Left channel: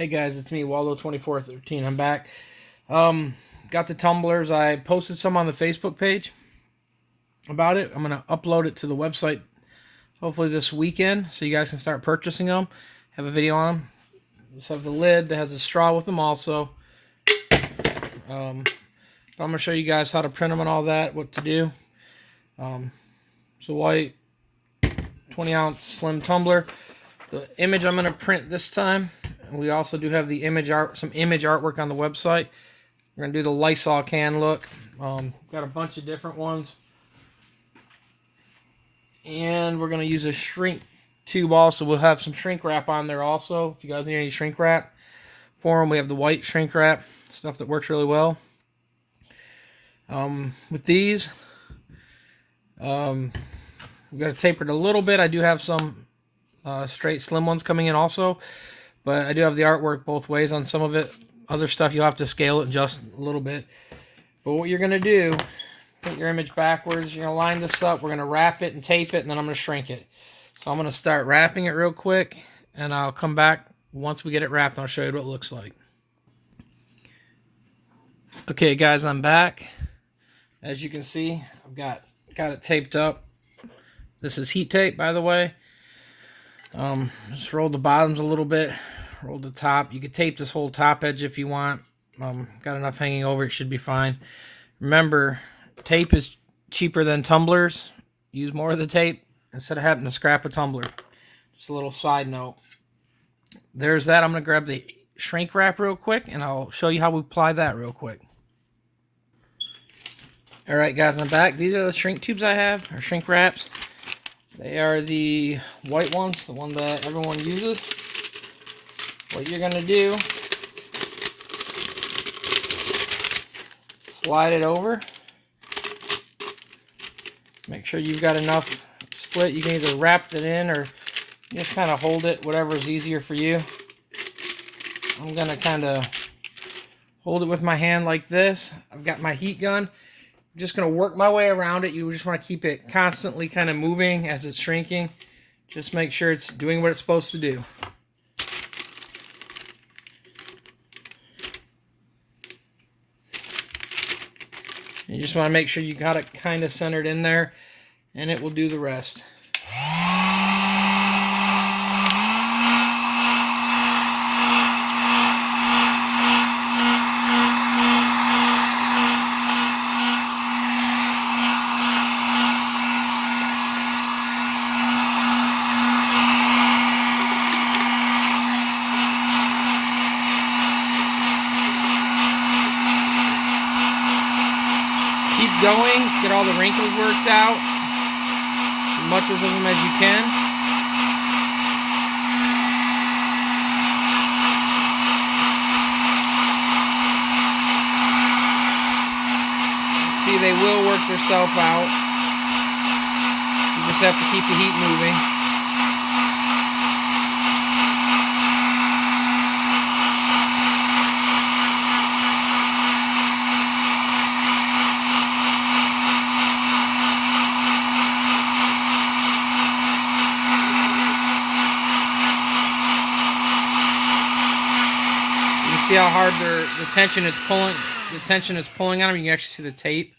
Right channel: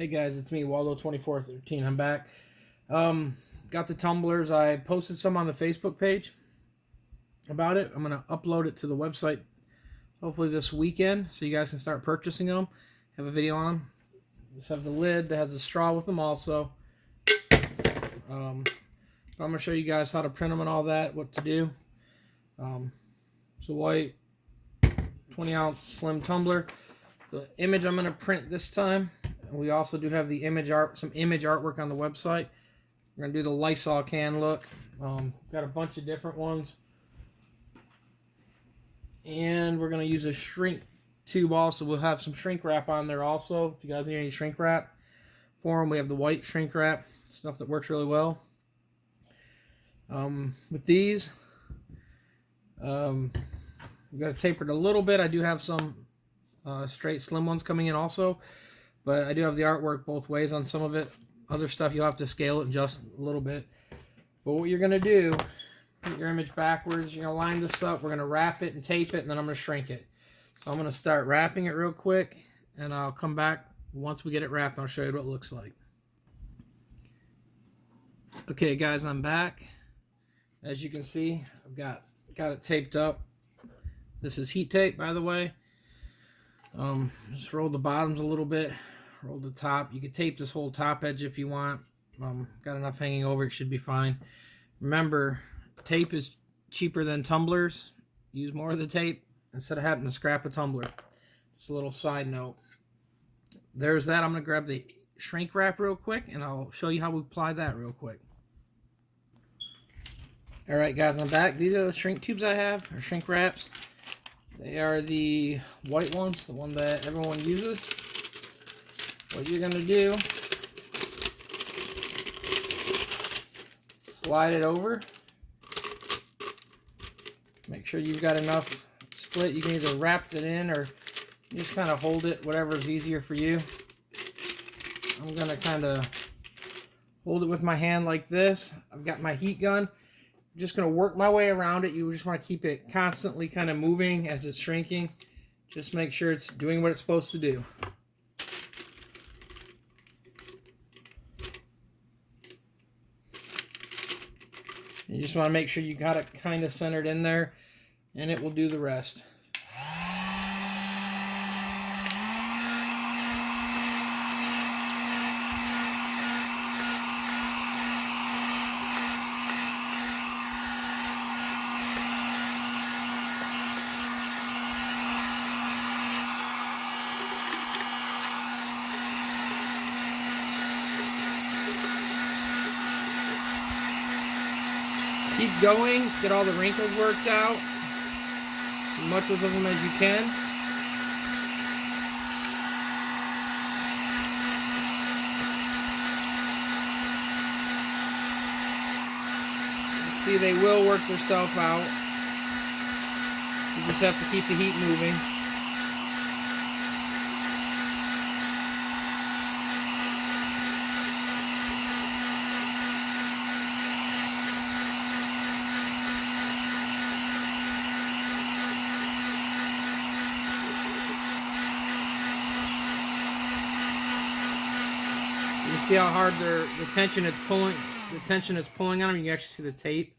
Hey guys, it's me, Waldo2413. I'm back. Got the tumblers. I posted some on the Facebook page about it. I'm gonna upload it to the website hopefully this weekend, so you guys can start purchasing them. Have a video on them. Just have the lid that has a straw with them also. I'm gonna show you guys how to print them and all that, what to do. It's a white 20-ounce slim tumbler. The image I'm gonna print this time. We also do have the image art, some image artwork on the website. We're gonna do the Lysol can look. Got a bunch of different ones, and we're gonna use a shrink tube also. We'll have some shrink wrap on there also. If you guys need any shrink wrap for them, we have the white shrink wrap stuff that works really well. With these, we've got to taper it a little bit. I do have some straight slim ones coming in also. But I do have the artwork both ways on some of it. Other stuff you'll have to scale it just a little bit. But what you're going to do, put your image backwards. You're going to line this up. We're going to wrap it and tape it, and then I'm going to shrink it. So I'm going to start wrapping it real quick, and I'll come back once we get it wrapped, and I'll show you what it looks like. Okay, guys, I'm back. As you can see, I've got it taped up. This is heat tape, by the way. Just roll the bottoms a little bit, roll the top. You could tape this whole top edge if you want. Got enough hanging over, it should be fine. Remember, tape is cheaper than tumblers. Use more of the tape instead of having to scrap a tumbler. Just a little side note. There's that. I'm going to grab the shrink wrap real quick, and I'll show you how we apply that real quick. Alright guys, I'm back. These are the shrink tubes I have, or shrink wraps. They are the white ones, the one that everyone uses. What you're going to do, slide it over. Make sure you've got enough split. You can either wrap it in or just kind of hold it, whatever is easier for you. I'm going to kind of hold it with my hand like this. I've got my heat gun. I'm just going to work my way around it. You just want to keep it constantly kind of moving as it's shrinking. Just make sure it's doing what it's supposed to do. You just want to make sure you got it kind of centered in there, and it will do the rest. Keep going, get all the wrinkles worked out, as much of them as you can. You see, they will work themselves out. You just have to keep the heat moving. See how hard the tension is pulling. The tension is pulling on them. You can actually see the tape.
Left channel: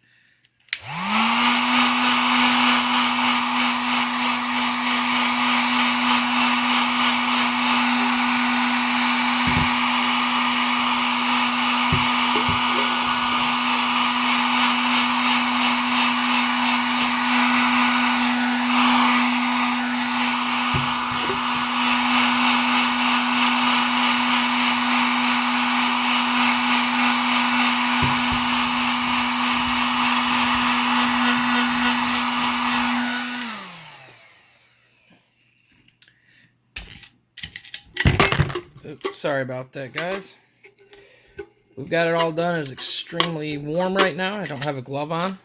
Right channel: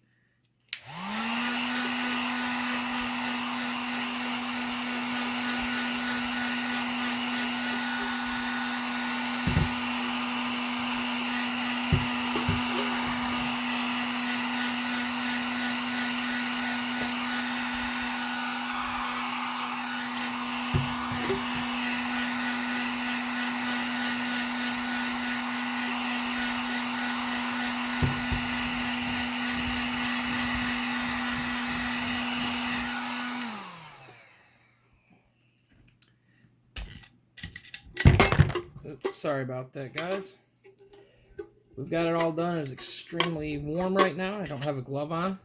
Oops, sorry about that, guys. We've got it all done. It's extremely warm right now. I don't have a glove on.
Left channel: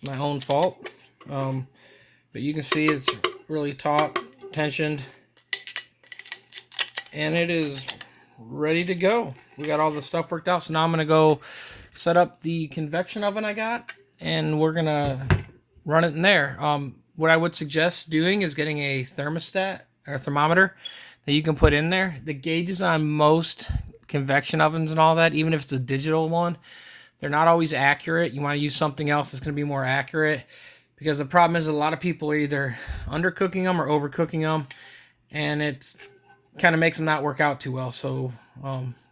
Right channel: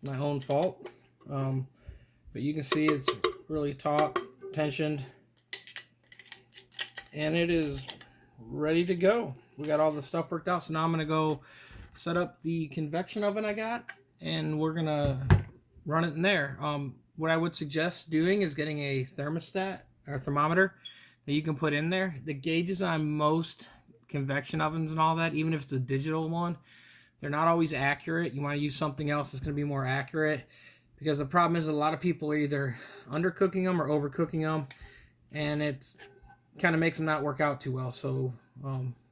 It's my own fault. But you can see it's really taut, tensioned, and it is ready to go. We got all the stuff worked out, so now I'm going to go set up the convection oven I got, and we're going to run it in there. What I would suggest doing is getting a thermostat or thermometer that you can put in there. The gauges on most convection ovens and all that, even if it's a digital one, they're not always accurate. You want to use something else that's going to be more accurate, because the problem is a lot of people are either undercooking them or overcooking them, and it's kind of makes them not work out too well. So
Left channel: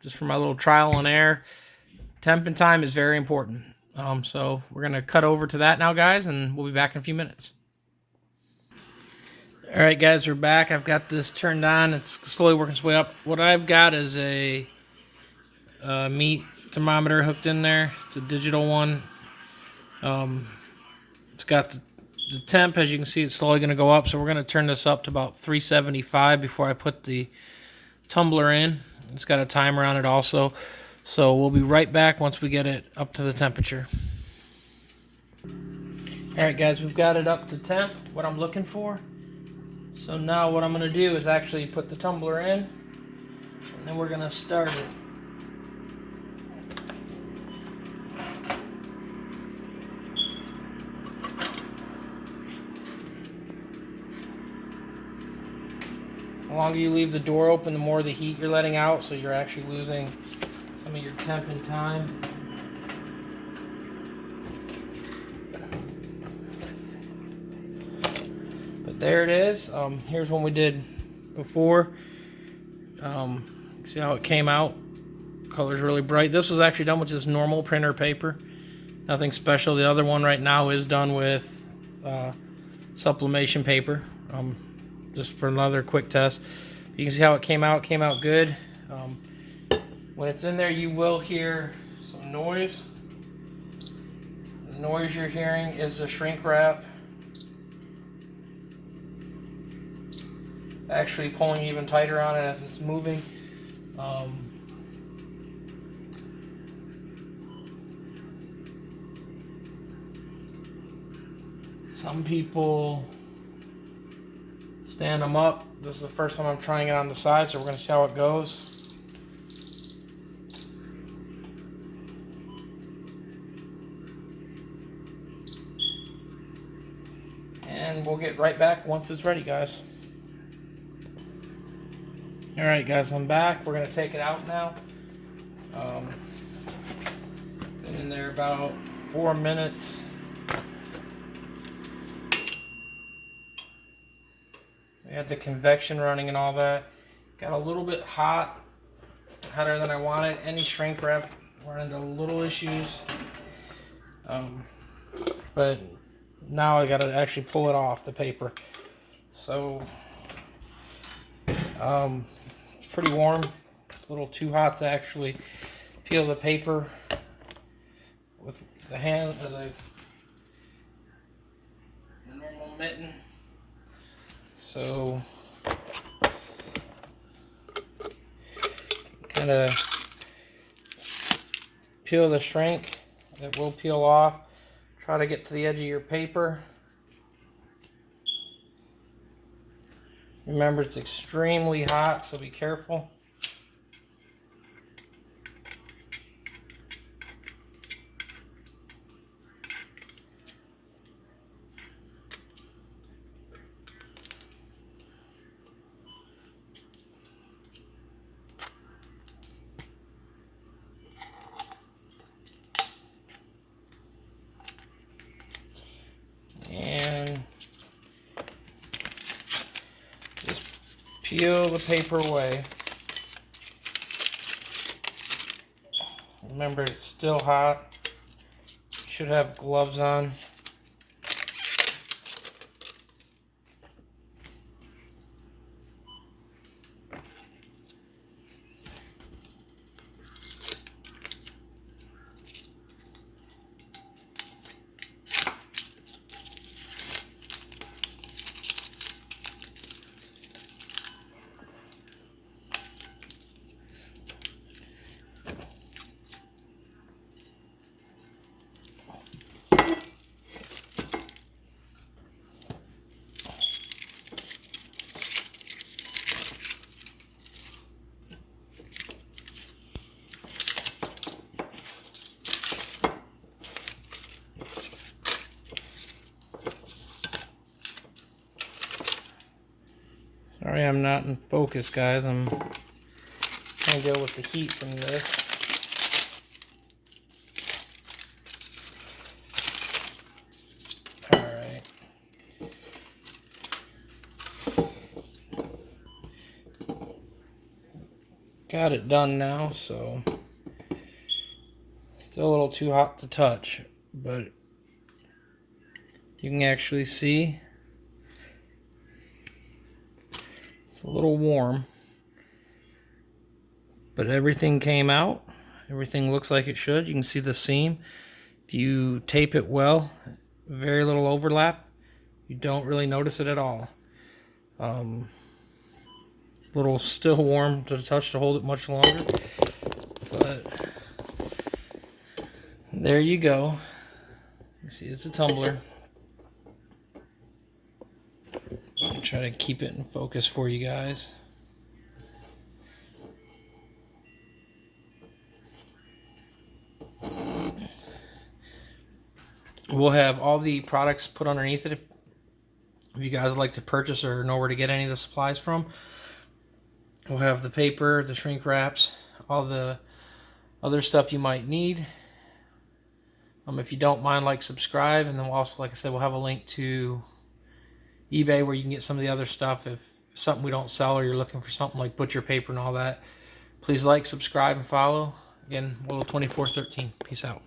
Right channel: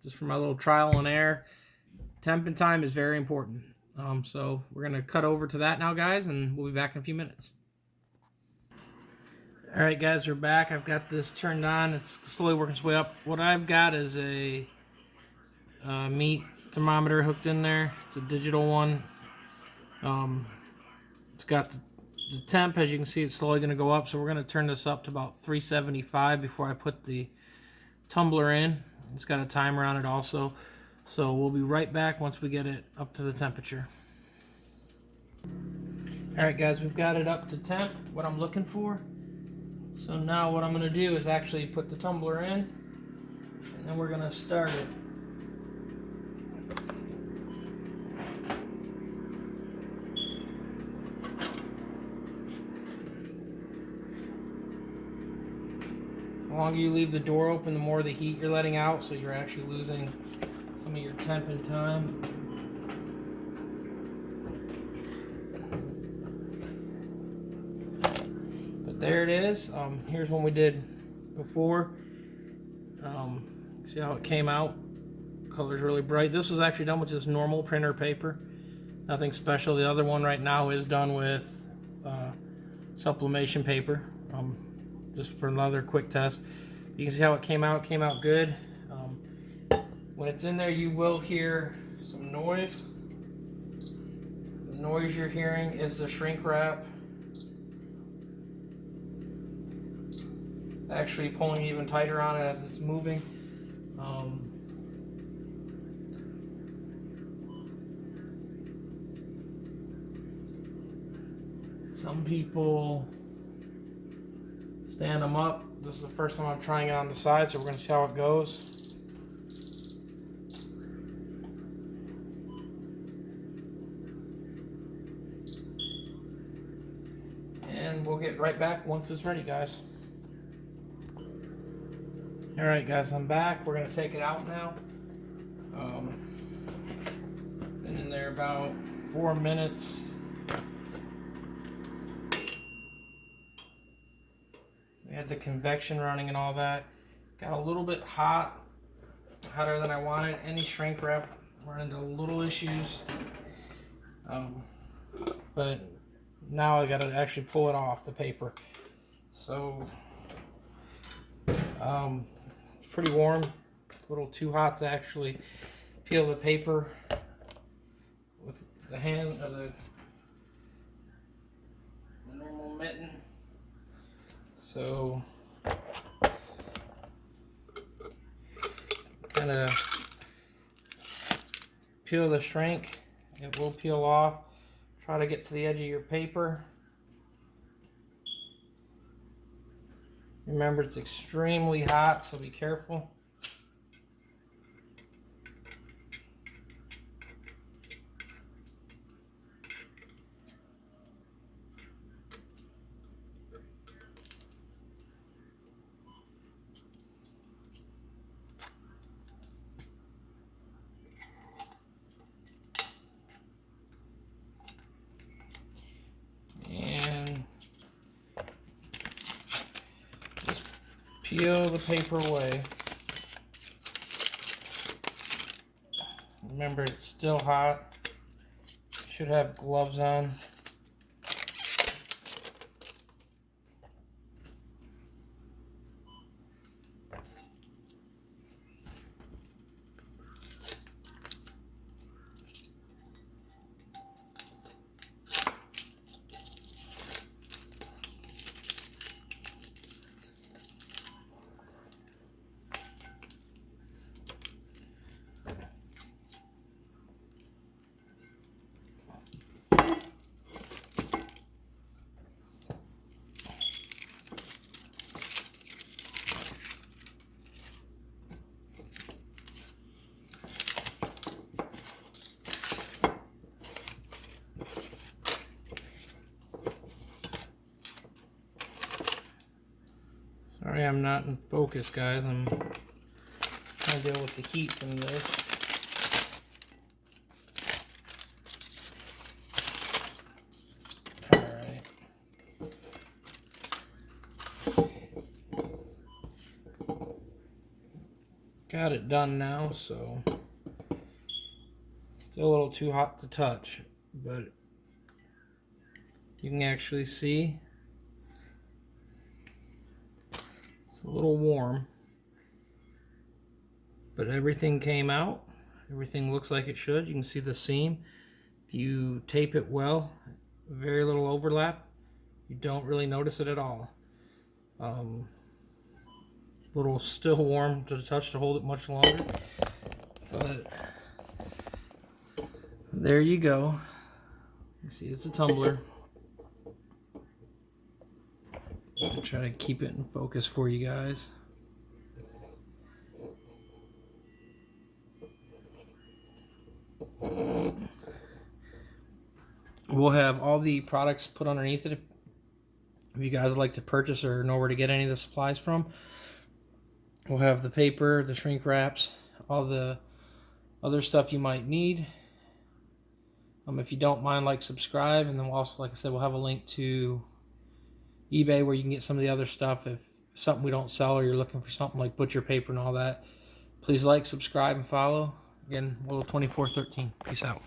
just for my little trial and error, temp and time is very important. So we're going to cut over to that now, guys, and we'll be back in a few minutes. All right, guys, we're back. I've got this turned on. It's slowly working its way up. What I've got is a meat thermometer hooked in there. It's a digital one. It's got the temp. As you can see, it's slowly going to go up. So we're going to turn this up to about 375 before I put the tumbler in. It's got a timer on it also. So we'll be right back once we get it up to the temperature. All right, guys, we've got it up to temp, what I'm looking for. So now what I'm going to do is actually put the tumbler in, and then we're going to start it. The longer you leave the door open, the more the heat you're letting out, so you're actually losing some of your temp and time. There it is. Here's one we did before. See how it came out? Color's really bright. This was actually done with just normal printer paper. Nothing special. The other one right now is done with sublimation paper. Just for another quick test. You can see how it came out. It came out good. When it's in there, you will hear some noise. The noise you're hearing is the shrink wrap actually pulling even tighter on it as it's moving. Some people stand them up. This is the first time I'm trying it on the side, so we're going to see how it goes. And we'll get right back once it's ready, guys. Alright, guys, I'm back. We're going to take it out now. Been in there about 4 minutes. We had the convection running and all that. Got a little bit hot, hotter than I wanted. Any shrink wrap run into little issues. But now I got to actually pull it off the paper. So, it's pretty warm. It's a little too hot to actually peel the paper with the hand, the normal mitten. So, kind of peel the shrink. It will peel off. Try to get to the edge of your paper. Remember, it's extremely hot, so be careful. And just peel the paper away. Remember, it's still hot. You should have gloves on. Sorry I'm not in focus, guys. I'm trying to deal with the heat from this. Alright. Got it done now, so still a little too hot to touch, but you can actually see it's a little warm, but everything came out. Everything looks like it should. You can see the seam. If you tape it well, very little overlap, you don't really notice it at all. Little still warm to the touch to hold it much longer, but there you go. You see, it's a tumbler. I'll try to keep it in focus for you guys. We'll have all the products put underneath it if you guys like to purchase or know where to get any of the supplies from. We'll have the paper, the shrink wraps, all the other stuff you might need. If you don't mind, like, subscribe, and then we'll also, like I said, we'll have a link to eBay where you can get some of the other stuff. If something we don't sell or you're looking for something like butcher paper and all that, please like, subscribe, and follow. Again, Will 2413. Peace out.